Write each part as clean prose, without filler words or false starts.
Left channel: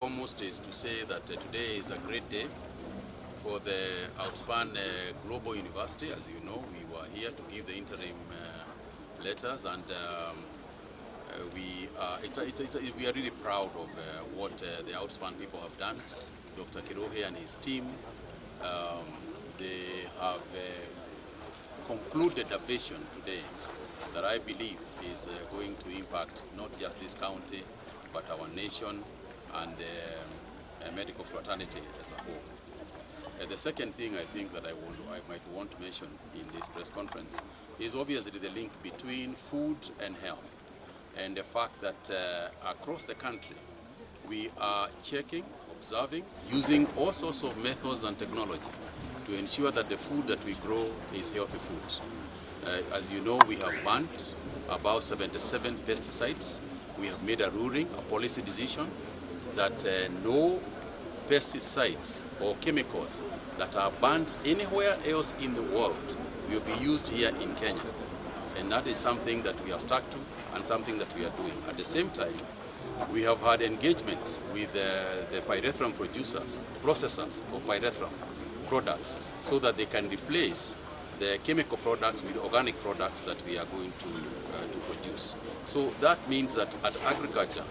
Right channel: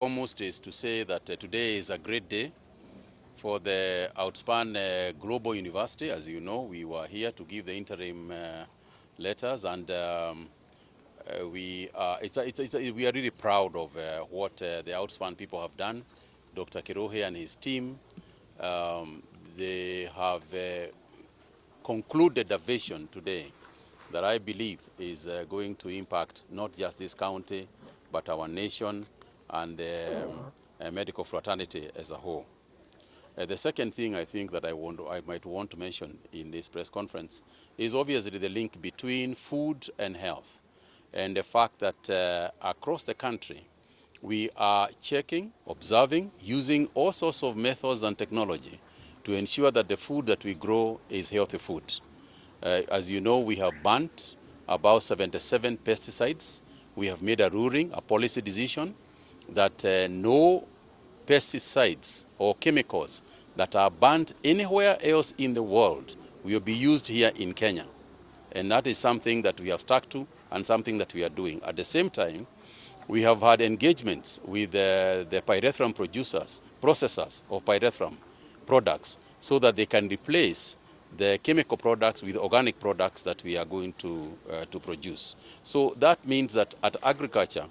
Foremost is to say that today is a great day for the Outspan Global University. As you know, we were here to give the interim letters, and we are really proud of what the Outspan people have done. Dr. Kirohe and his team, they have concluded a vision today that I believe is going to impact not just this county, but our nation and medical fraternity as a whole. The second thing I think that I might want to mention in this press conference is obviously the link between food and health, and the fact that across the country we are checking, observing, using all sorts of methods and technology to ensure that the food that we grow is healthy food. As you know, we have banned about 77 pesticides. We have made a ruling, a policy decision, that no pesticides or chemicals that are banned anywhere else in the world will be used here in Kenya. And that is something that we have stuck to and something that we are doing. At the same time, we have had engagements with the pyrethrum processors of pyrethrum products, so that they can replace the chemical products with organic products that we are going to produce. So that means that at agriculture,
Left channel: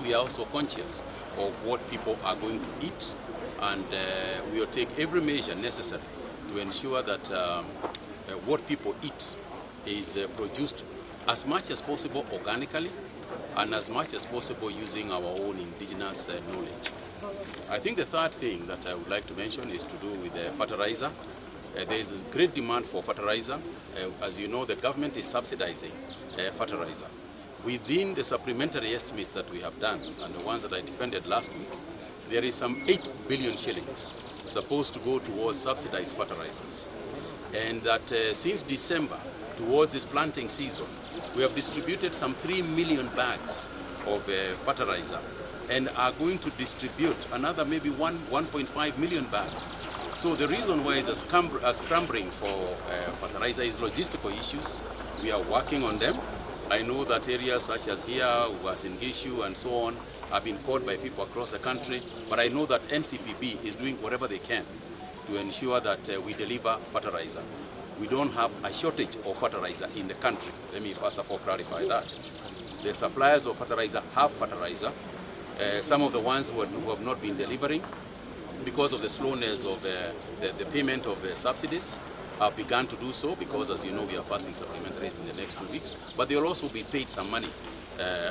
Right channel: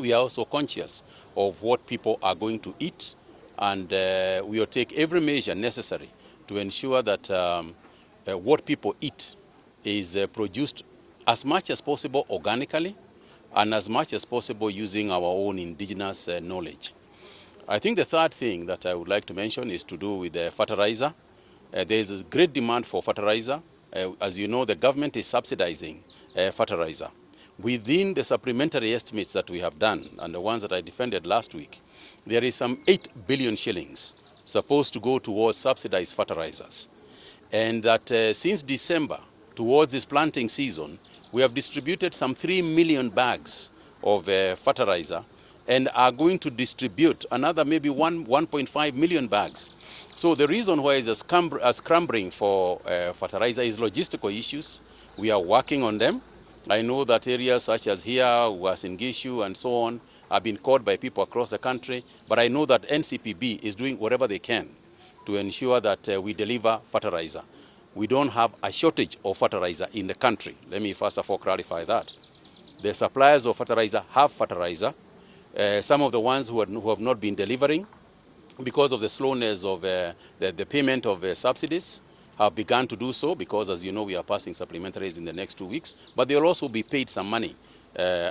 we are also conscious of what people are going to eat, and we will take every measure necessary to ensure that what people eat is produced as much as possible organically and as much as possible using our own indigenous knowledge. I think the third thing that I would like to mention is to do with fertilizer. There is a great demand for fertilizer. As you know, the government is subsidizing fertilizer. Within the supplementary estimates that we have done, and the ones that I defended last week, there is some 8 billion shillings supposed to go towards subsidized fertilizers. And that since December, towards this planting season, we have distributed some 3 million bags of fertilizer, and are going to distribute another maybe 1.5 million bags. So the reason why it's scrambling for fertilizer is logistical issues. We are working on them. I know that areas such as here, Uasin-Gishu and so on, have been caught by people across the country, but I know that NCPB is doing whatever they can to ensure that we deliver fertilizer. We don't have a shortage of fertilizer in the country. Let me first of all clarify that. The suppliers of fertilizer have fertilizer. Some of the ones who have not been delivering, because of the slowness of the payment of subsidies, have begun to do so, because, as you know, we are passing supplementaries in the next 2 weeks. But they will also be paid some money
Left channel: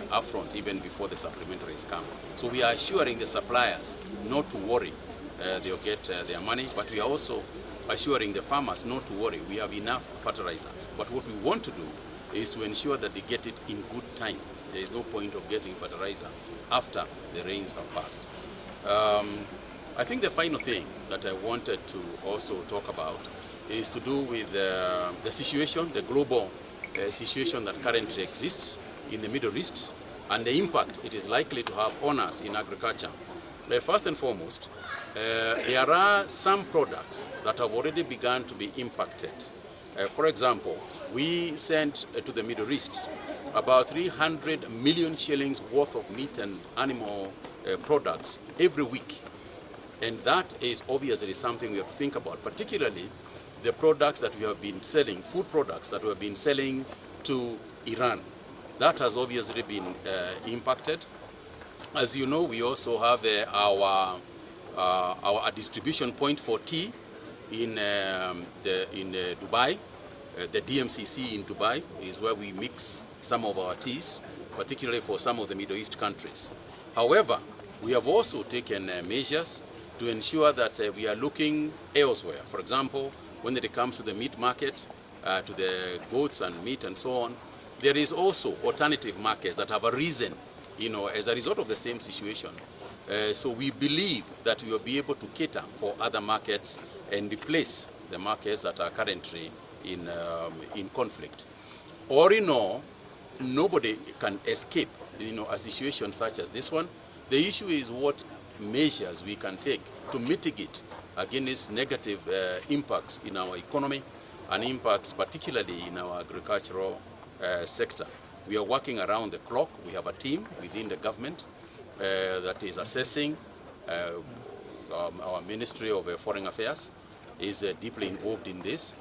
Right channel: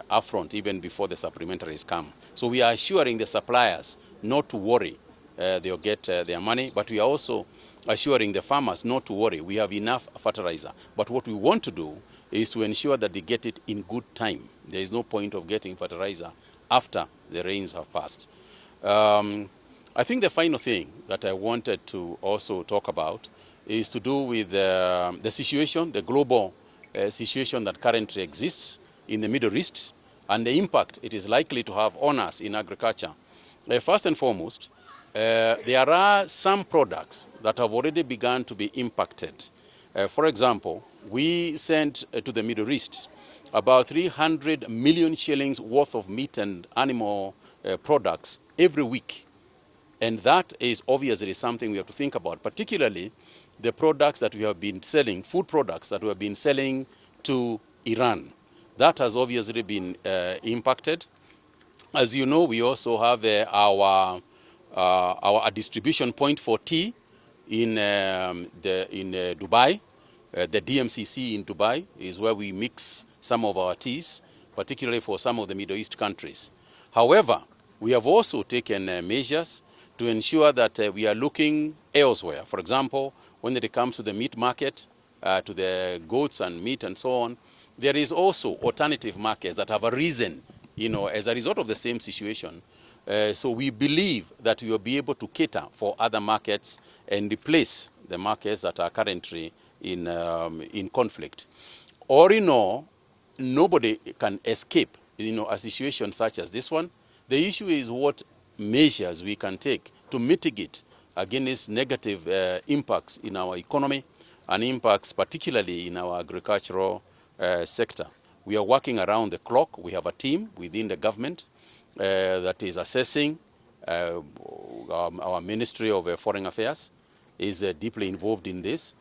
upfront, even before the supplementaries come. So we are assuring the suppliers not to worry. They'll get their money, but we are also assuring the farmers not to worry. We have enough fertilizer. But what we want to do is to ensure that they get it in good time. There is no point of getting fertilizer after the rains have passed. I think the final thing that I wanted to also talk about is to do with the situation, the global situation that currently exists in the Middle East, and the impact it is likely to have on us in agriculture. Now, first and foremost, there are some products that have already begun to be impacted. For example, we sent to the Middle East about 300 million shillings worth of meat and animal products every week. And that is obviously something we have to think about, particularly the products that we have been selling, food products that we have been selling to Iran. That has obviously been impacted. As you know, we also have our distribution point for tea in Dubai. The DMCC in Dubai is where we mix some of our teas, particularly for some of the Middle East countries. However, we have also taken measures to ensure that we are looking elsewhere. For example, when it comes to the meat market, to the goats and meat and so on, there is also alternative markets that have arisen, as a result of the same situation. So we believe that we will be able to cater for other markets and replace the markets that are currently in conflict. All in all, nobody can escape, a situation such as this one. The issue is what measures we can take to mitigate against negative impacts in our economy and impacts particularly in our agricultural sector. We are working around the clock. We have a team within the government that is assessing. Our Ministry of Foreign Affairs is deeply involved in this.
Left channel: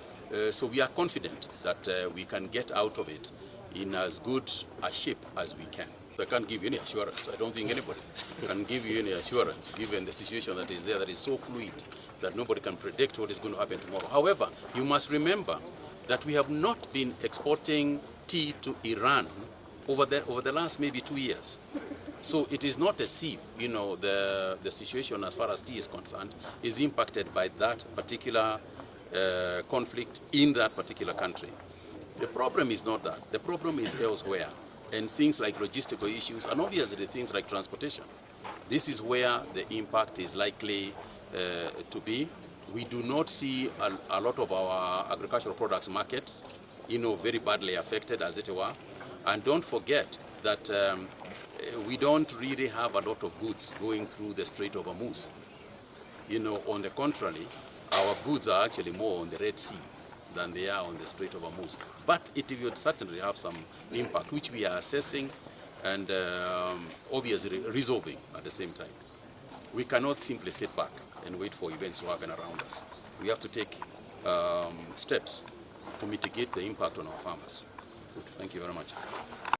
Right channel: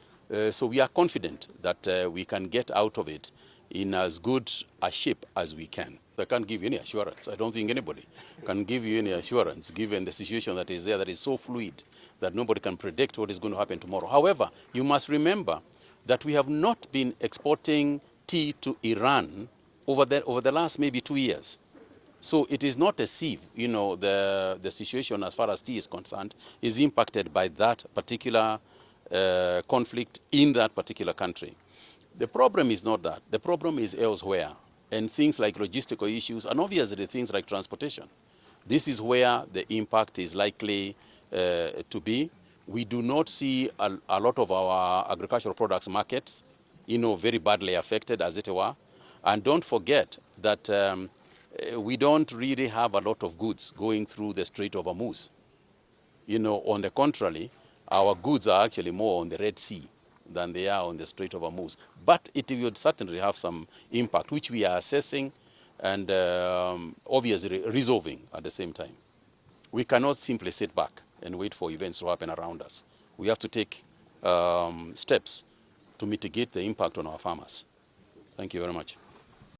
So we are confident that we can get out of it in as good a shape as we can. I can't give you any assurance. I don't think anybody can give you any assurance given the situation that is there, that is so fluid that nobody can predict what is going to happen tomorrow. However, you must remember that we have not been exporting tea to Iran over the last maybe 2 years. So it is not as if, you know, the situation as far as tea is concerned is impacted by that particular conflict in that particular country. The problem is not that. The problem is elsewhere, and things like logistical issues, and obviously things like transportation. This is where the impact is likely to be. We do not see a lot of our agricultural products markets, you know, very badly affected, as it were. And don't forget that we don't really have a lot of goods going through the Strait of Hormuz. You know, on the contrary, our goods are actually more on the Red Sea than they are on the Strait of Hormuz. But it will certainly have some impact, which we are assessing and obviously resolving at the same time. We cannot simply sit back and wait for events to happen around us. We have to take steps to mitigate the impact on our farmers. Thank you very much.